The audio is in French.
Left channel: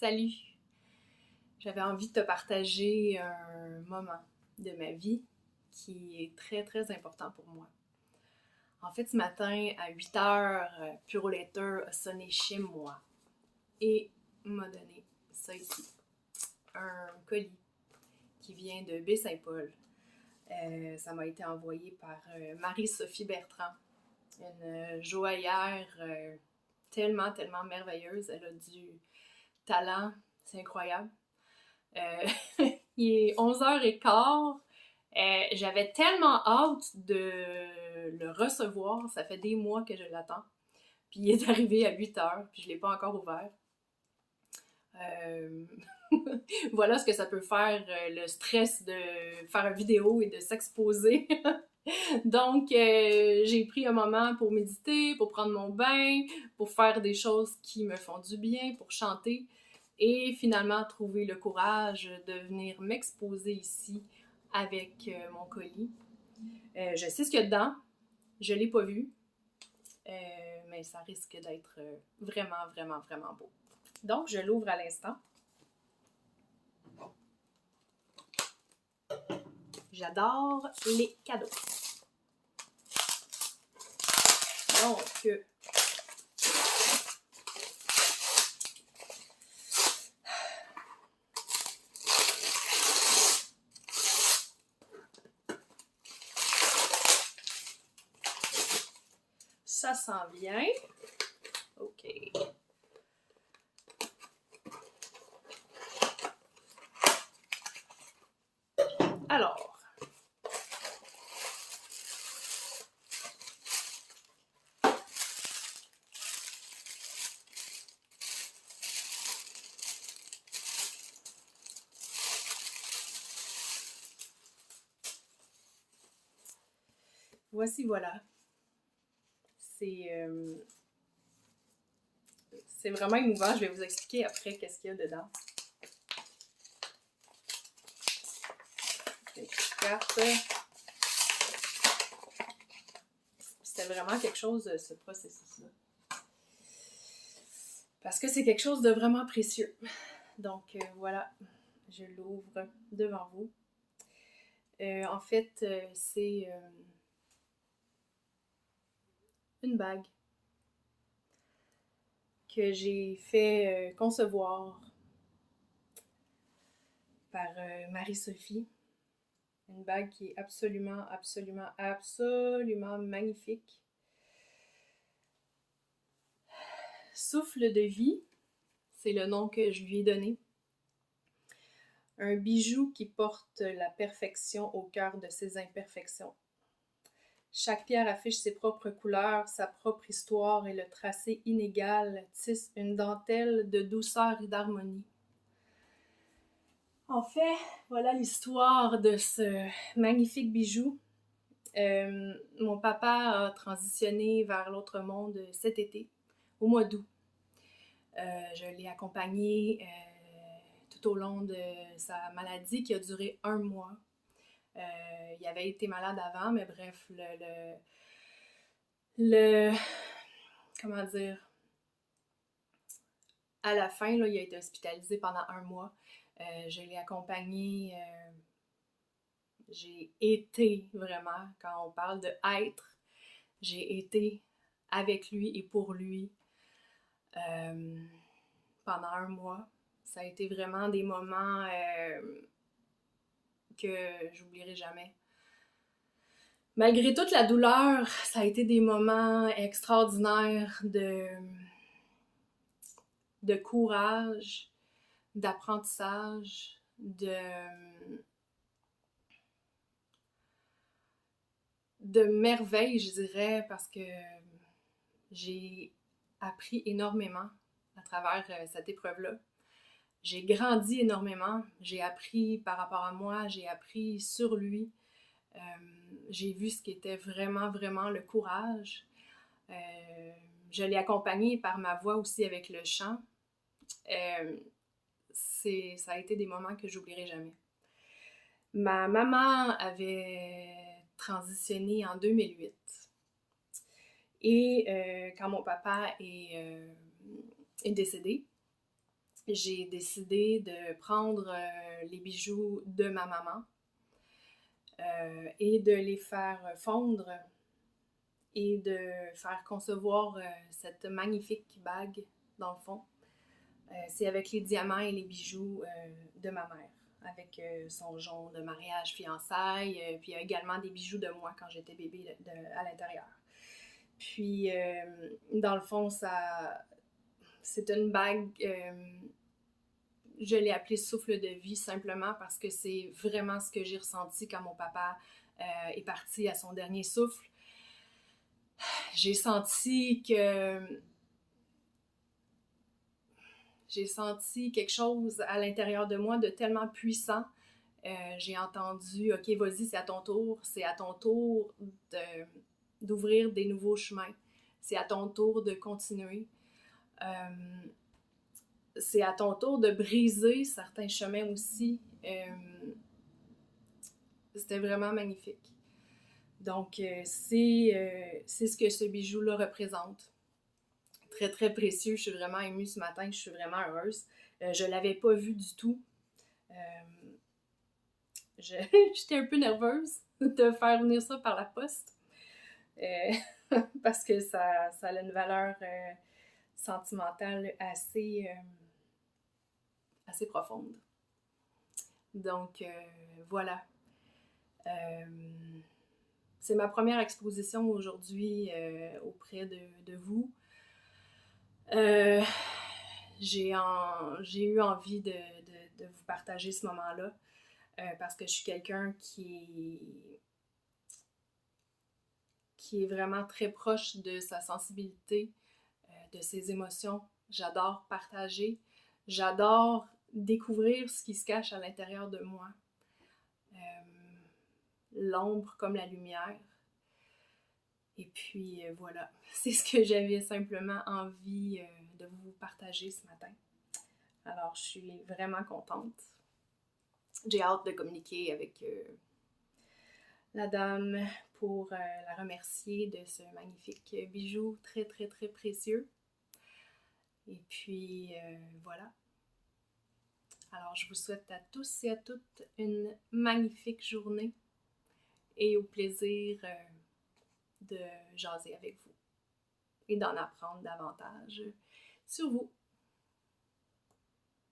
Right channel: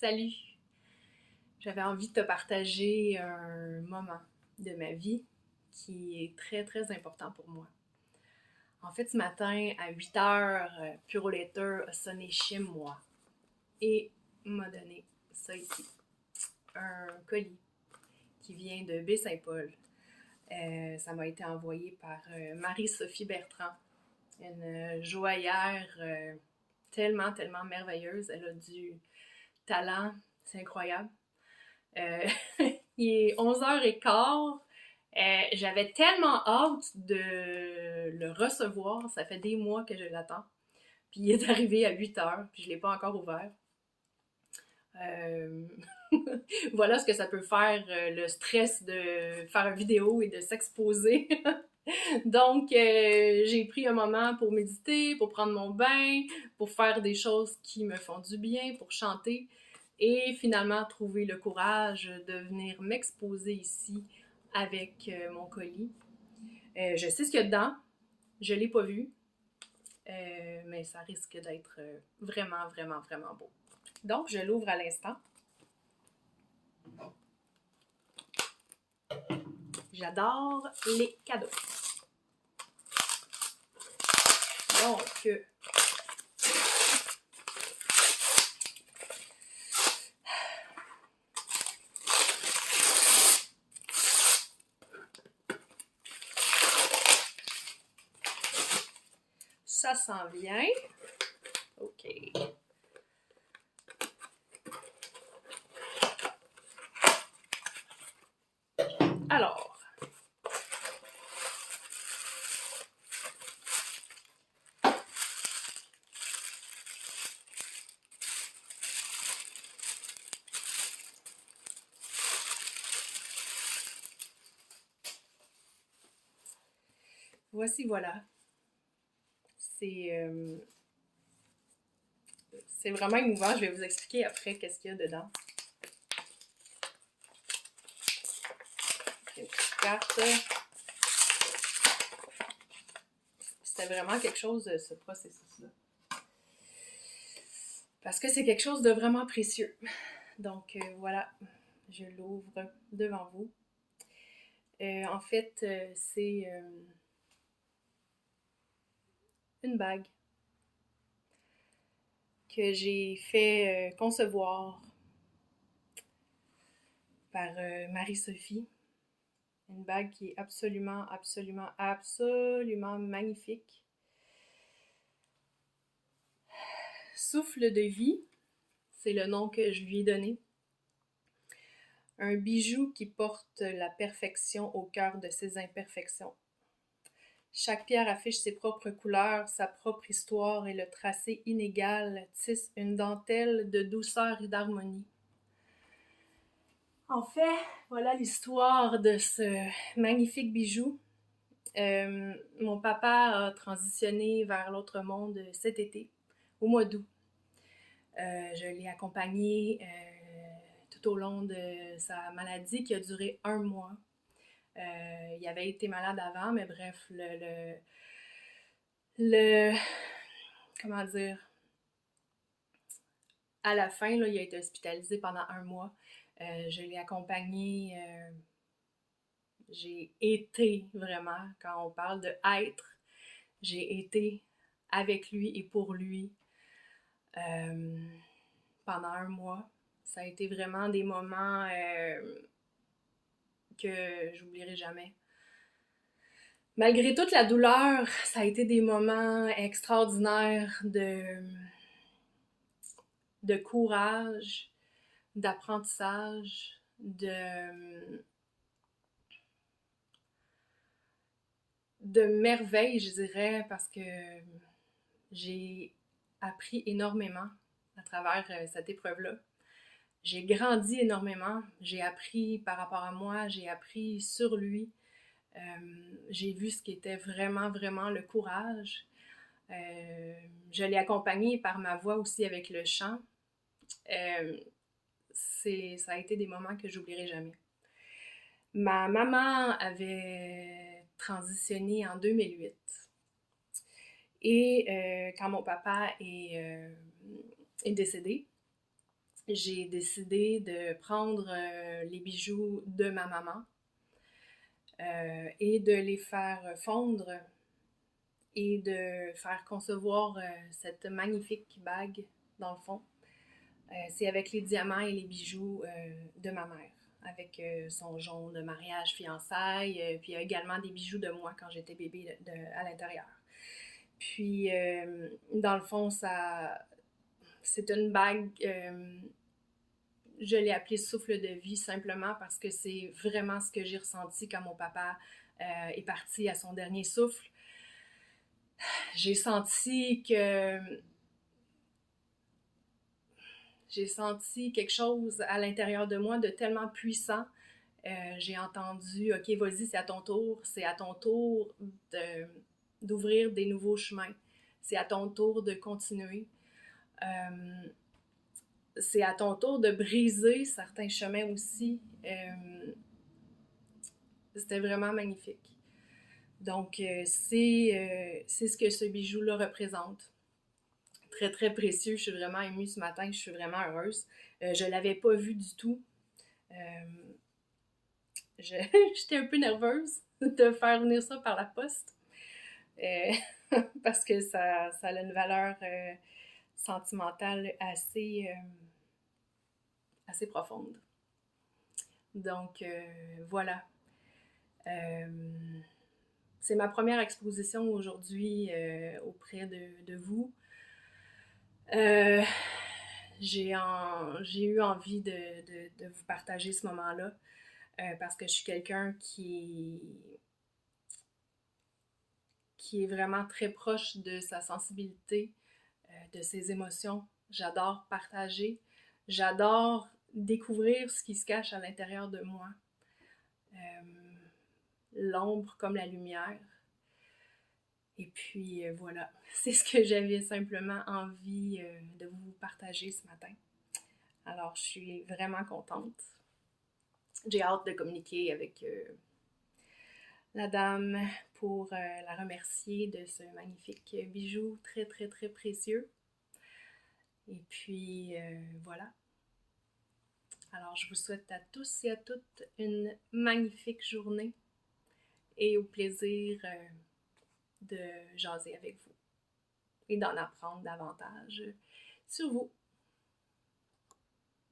Salut! J'avais envie de te partager un moment de ma vie qui est très très important pour moi. En fait, ce matin, à 8 heures, Puro Letter a sonné chez moi et m'a donné ça ici. Un colis qui vient de Baie-Saint-Paul. Ça m'a été envoyé par Marie-Sophie Bertrand, une joaillère tellement, tellement merveilleuse. Elle a du talent, c'est incroyable. Il est 11h15. J'avais tellement hâte de le recevoir. Ça fait des mois que je l'attends. Puis il est arrivé à 8h, puis je ne l'ai pas encore ouvert. Euh... voilà ce que ça peut faire, le stress de faire une vidéo et de s'exposer. Donc, j'ai pris un moment pour méditer, pour prendre mon bain, pour faire des choses qui me font du bien, pour chanter et finalement trouver le courage de venir m'exposer ici avec mon colis. Je sais ce qu'il y a dedans, je ne l'ai pas vu, mais ça risque d'être vraiment, vraiment, vraiment beau. Donc, je l'ouvre à l'instant. J'adore les cadeaux. Donc, ça s'en vient. OK. Alors, voici, voilà. C'est vraiment émouvant. Je vais vous expliquer après qu'est-ce qu'il y a dedans. Une petite carte. C'était vraiment quelque chose, ce processus-là. Parce que c'est quelque chose de vraiment précieux. Donc, voilà. Je l'ouvre devant vous. En fait, c'est une bague que j'ai fait concevoir par Marie-Sophie. Une bague qui est absolument, absolument, absolument magnifique. Souffle de vie, c'est le nom que je lui ai donné. Un bijou qui porte la perfection au cœur de ses imperfections. Chaque pierre affiche ses propres couleurs, sa propre histoire et le tracé inégal tisse une dentelle de douceur et d'harmonie. En fait, voilà l'histoire de ce magnifique bijou. Mon papa a transitionné vers l'autre monde cet été, au mois d'août. Je l'ai accompagné tout au long de sa maladie qui a duré 1 mois. Il avait été malade avant, mais bref, comment dire, à la fin, là, il a été hospitalisé pendant 1 mois. Je l'ai accompagné, j'ai été vraiment, quand on parle de être, j'ai été avec lui et pour lui pendant 1 mois. Ça a été vraiment des moments que j'oublierai jamais. Malgré toute la douleur, ça a été des moments extraordinaires de courage, d'apprentissage, de merveille, je dirais, parce que j'ai appris énormément à travers cette épreuve-là. J'ai grandi énormément, j'ai appris par rapport à moi, j'ai appris sur lui. J'ai vu ce qui était vraiment, vraiment le courage. Je l'ai accompagné par ma voix aussi avec le chant. Ça a été des moments que j'oublierai jamais. Ma maman avait transitionné en 2008. Et quand mon papa est décédé, j'ai décidé de prendre les bijoux de ma maman et de les faire fondre et de faire concevoir cette magnifique bague, dans le fond. C'est avec les diamants et les bijoux de ma mère, avec son jonc de mariage, fiançailles, puis il y a également des bijoux de moi quand j'étais bébé à l'intérieur. Puis, dans le fond, c'est une bague, je l'ai appelée souffle de vie simplement parce que c'est vraiment ce que j'ai ressenti quand mon papa est parti à son dernier souffle. J'ai senti quelque chose à l'intérieur de moi de tellement puissant. J'ai entendu, OK, vas-y, c'est à ton tour d'ouvrir des nouveaux chemins. C'est à ton tour de continuer. C'est à ton tour de briser certains chemins aussi. C'était vraiment magnifique. Donc, c'est ce que ce bijou-là représente. Très, très précieux. Je suis vraiment émue ce matin. Je suis vraiment heureuse. Je ne l'avais pas vu du tout. J'étais un peu nerveuse de faire venir ça par la poste. Parce que ça a une valeur sentimentale assez profonde. Donc, voilà. C'est ma première exposition aujourd'hui auprès de vous. J'ai eu envie de vous partager ce moment-là parce que je suis quelqu'un qui est vraiment très proche de sa sensibilité, de ses émotions. J'adore partager. J'adore découvrir ce qui se cache à l'intérieur de moi. L'ombre comme la lumière. Et puis voilà, c'est ce que j'avais simplement envie de vous partager ce matin. Alors, je suis vraiment contente. J'ai hâte de communiquer avec la dame pour la remercier de ce magnifique bijou très, très, très précieux. Et puis, voilà. Alors, je vous souhaite à tous et à toutes une magnifique journée et au plaisir de jaser avec vous et d'en apprendre davantage sur vous.